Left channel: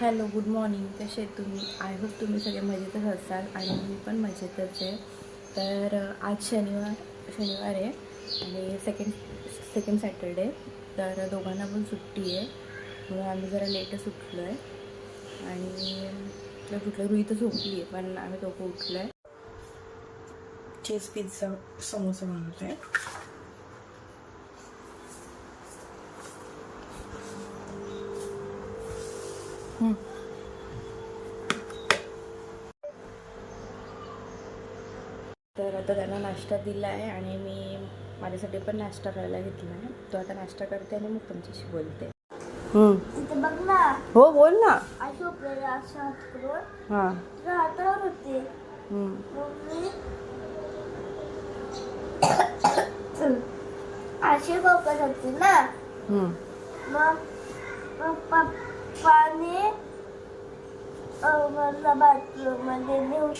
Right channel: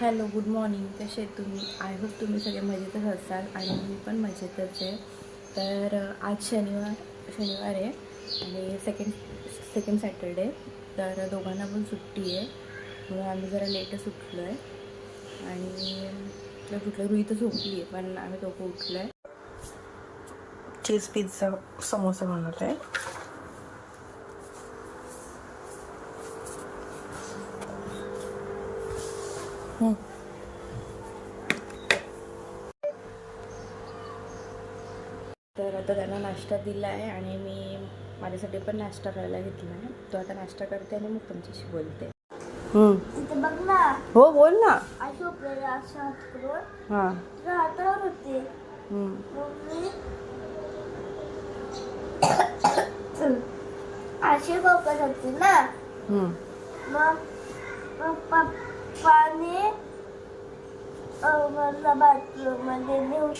Hello good morning. कसे तुम्ही? I hope तुम्ही सगळे मजेतच असाल आणि मी पण मजेतच आहे. तर आज शनिवार शनिवार आहे आणि सेकंड सेकंड सॅटरडे तर दोघांना पण सुट्टी आहे. म्हणून आम्ही जरा लेटच उठलो आहे आणि कुठलं रुई तर झोपली आहे पण आम्ही दोघं उठलो आहे चीज पिझ्झा समोसा बनवतो आहे तर आता त्यांना नाश्ता दिला आहे आणि मी माझ्यासाठी पण नाश्ता करायला घेतला आहे. तो आता नाश्ता करते आणि मग तुमच्याशी बोलते. इथे बघ ना. हो बोल ना. अशी असं हात करून हां. तुझ्या हातावर होते. मग मी अशी बघत होती ना. मग अं, मला बाथरूममध्ये नेऊन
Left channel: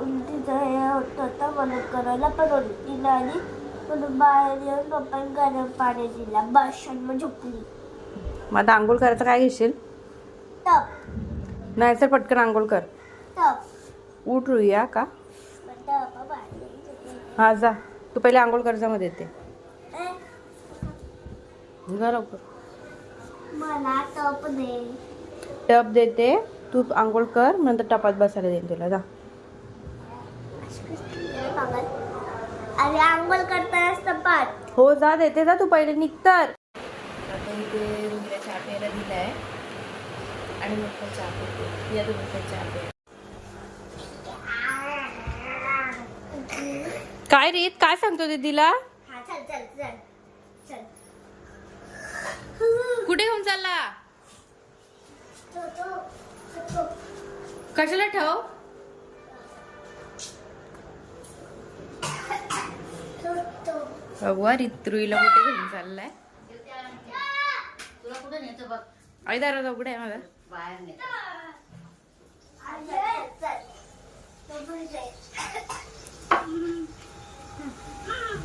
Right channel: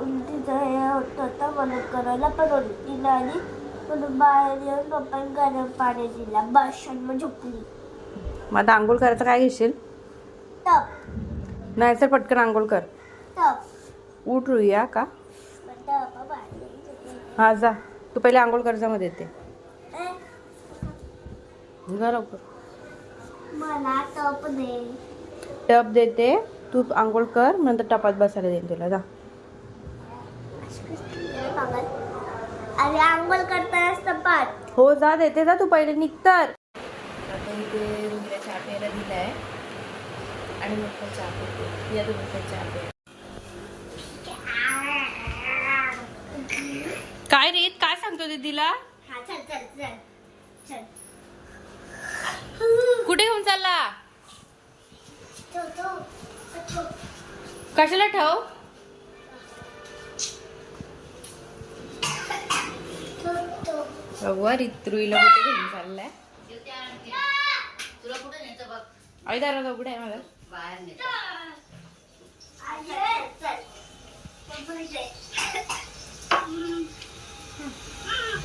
उलटीचं हे होत होतं म्हणून करायला पण उलटी नाही. आली म्हणून बाहेर येऊन पप्पाने गरम पाणी दिला. आणि मग झोपली. मग आता आंघोळ करायचं काय घेशील? टप. नाही तर पटकन आंघोळ कर टप. उठ रुया का? टप हा जा. तू पहिले आंघोळ कर जा मध्ये येते. जा लवकर. मला टप दे. टप देते. तू आंघोळ कर नंतर टपात बसायला देईन तुला. जा. अरे आंघोळ करतानाच टपात. हो जा देते जा तू पहिले निघतर आता इथे रुईला चहा प्यायला दिला आहे आणि मग तो चहा पिते. या तुम्ही पण चहा प्या. काय रे काय सांगतो दीदीला? हा चल चल चल चल. कुठे घेऊन चालला? तो, तो, तो. कशाला ठेव? तो, तो. भगवा रुईला कुठे घेऊन चाललाय? आई दारा उघड आहे मला.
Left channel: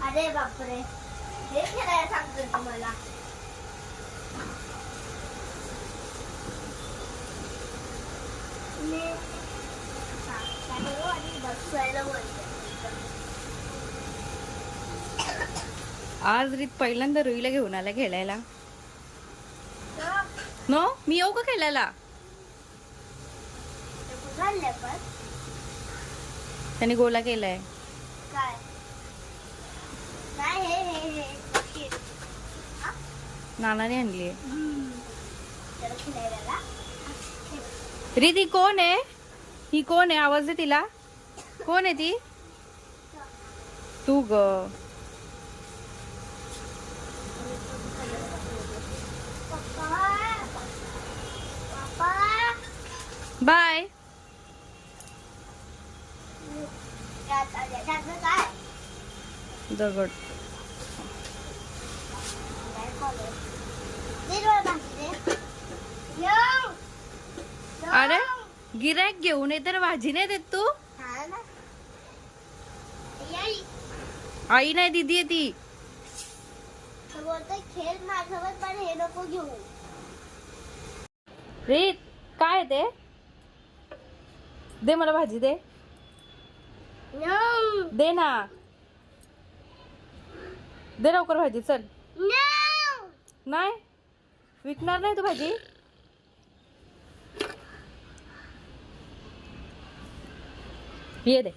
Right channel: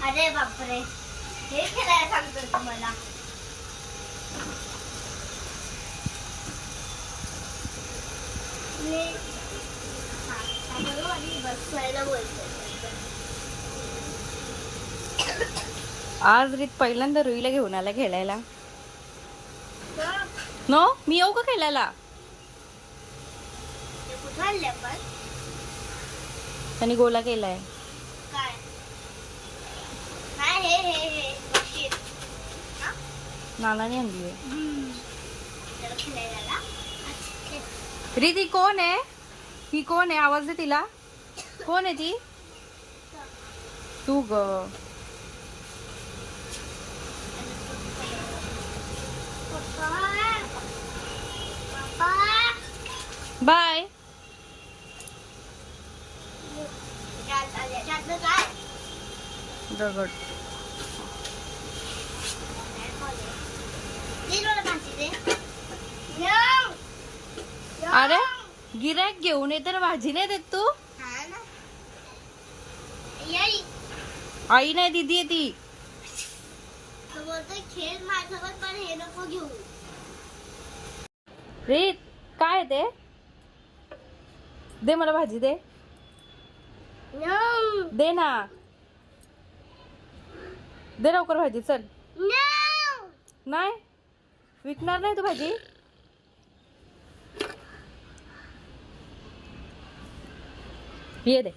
अरे बापरे. हे खेळायला सांगतो तुम्हाला. मी आणि बसायला बोलते आज रीत पहिल्यांदा रुईला घेऊन आला खेळायला. तर नो मी येऊ का खेळायला? त्याने गोला केलाय. काय नानाने आणली आहे खेळायला ना? अच्छा, खेळ. रीत कोण आहे? ही कोण आहे? आवाज दे तिला. कोण आहे ती? तू ग. बाय. दगड काय कॉलेज दे डोळे भाजी दे येऊ. येऊ. अरे गिरायक घेऊन ये तर भाजी नाही देत तू? हा. आई. नाही दिदी आहे ती. खेळ माझ्यासोबत पण हे नको घेऊ. रीत काय ते? दे मला भाजी दे. दे ना. दे लवकर भाजी चल. नाही? विकणार नाही तू भाजी? ये दे.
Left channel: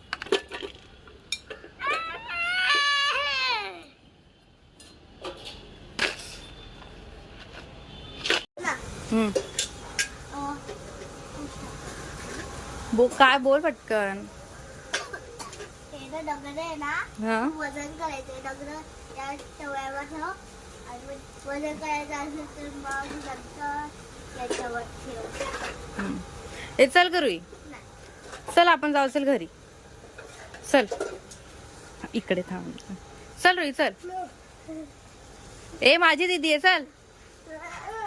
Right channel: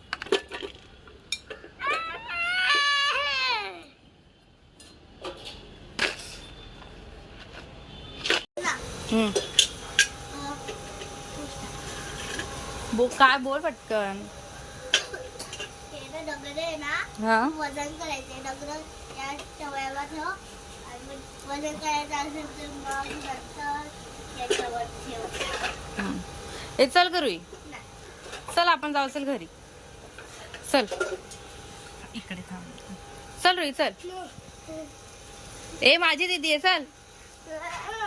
बो काय बोल पटकन. हे? दगड आहे ना हा वजन करायचे दगड या टवळ्यावर ठेव आणि वजन करायचं असेल तर मग याच्यावर ठेव. ए चल करूई नाही. चल आपण जाऊ चल घरी. चल. इकडे थांब. चल रोई चल. ए माझी दीदी आहे चल.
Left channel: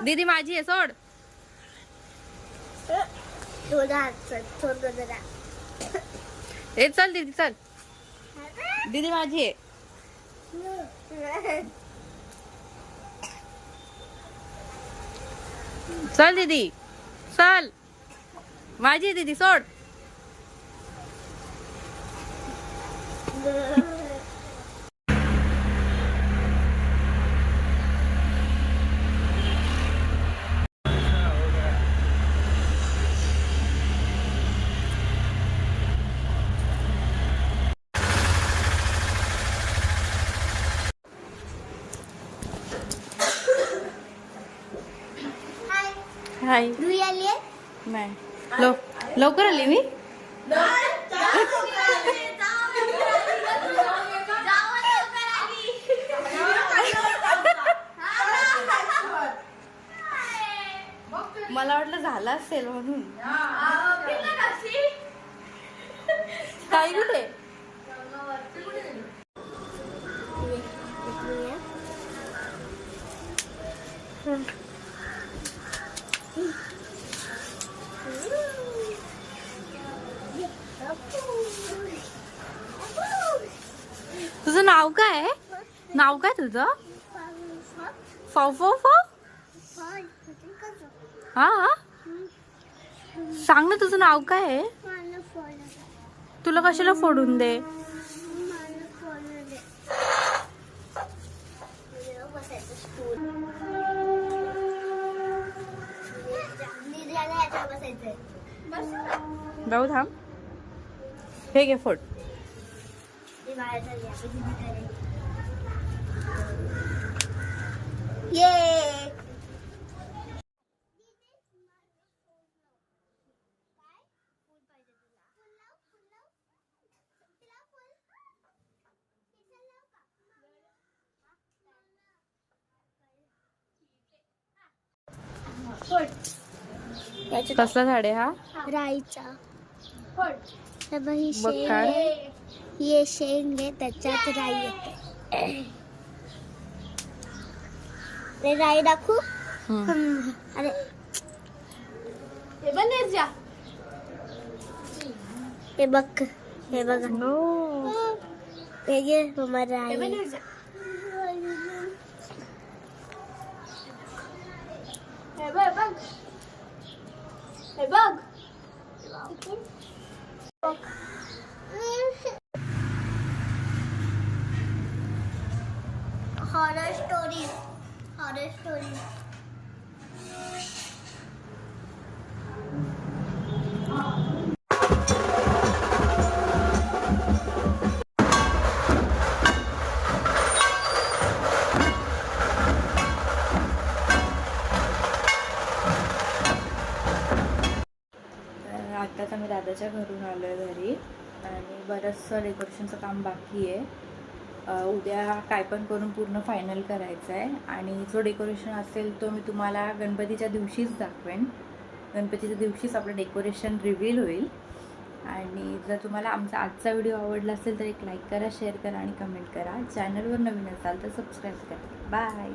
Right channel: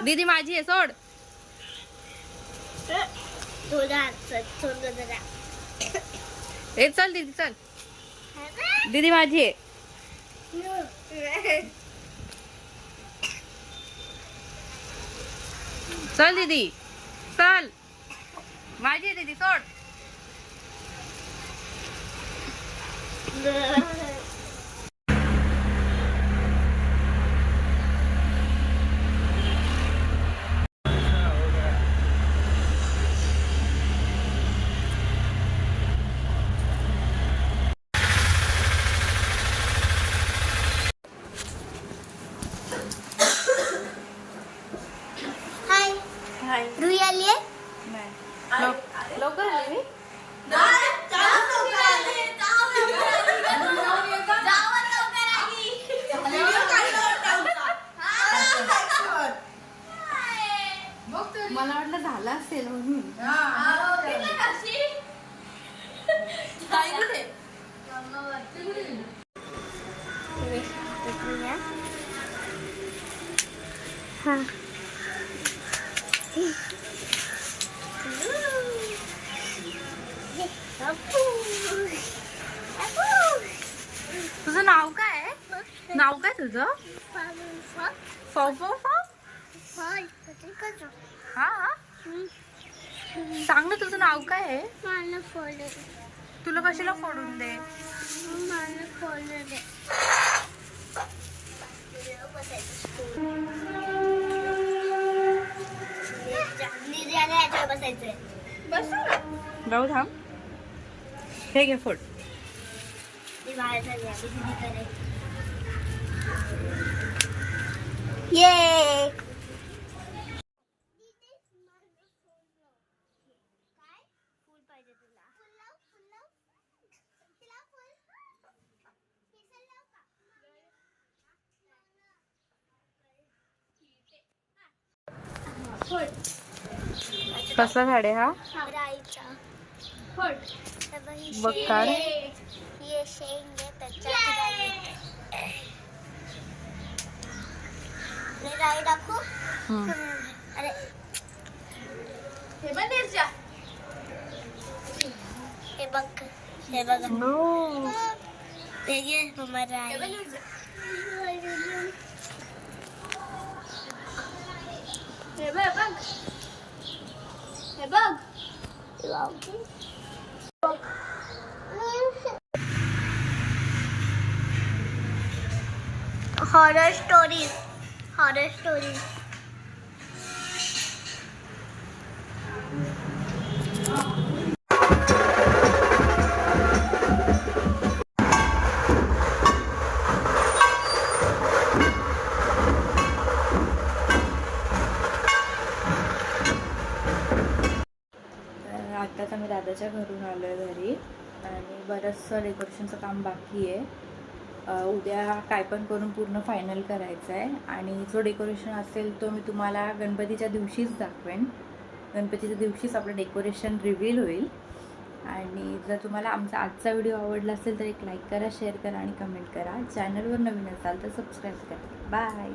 दीदी माझी आहे सोड. ए चल दीदी चल. दीदी माझी आहे. चल दीदी चल. माझी आहे दीदी सोड. हाय हाय रुई आली आहे नाही लव- लवकर आली मी मला वाटलं झालं असेल म्हणून. काय कुठे? हा तुझं नाव काय आहे? नाव काय तुझं? फो फो फो हा हा? सांग ना तुझं नाव काय आहे? तुला कशाला फोडून दे? जाऊ थांब. हे घे फोड. मी ये. कसला झाड आहे हा? राईचा. हे बघ, ही बघ शेंग काढ. आहे. हे शेंग आहे त्याच्यात राई येते. राई दाखवू. अरे. हे बघ. हे बघ. हे घे मम्मा राई. Hey, bug. bug. Hey, bug. Horror stories. Horror stories. दादाच्या घरून आलो आहे घरी. आणि बरंचसं डेकोरेशनचं काम बाकी आहे. उद्या काय पण करून पूर्ण फायनल करायचं आहे आणि जो डेकोरेशन असेल तो मी तुम्हाला गणपतीच्या दिवशीच दाखवेन. गणपतीच्या दिवशीच आपलं डेकोरेशन रिव्हील होईल. आणि जर तुम्हाला आमचा आजचा व्हिडिओ आवडला असेल तर एक लाईक करा शेअर करा आणि कमेंट करा. चॅनलवर नवीन असाल तर सबस्क्राईब करा. बाय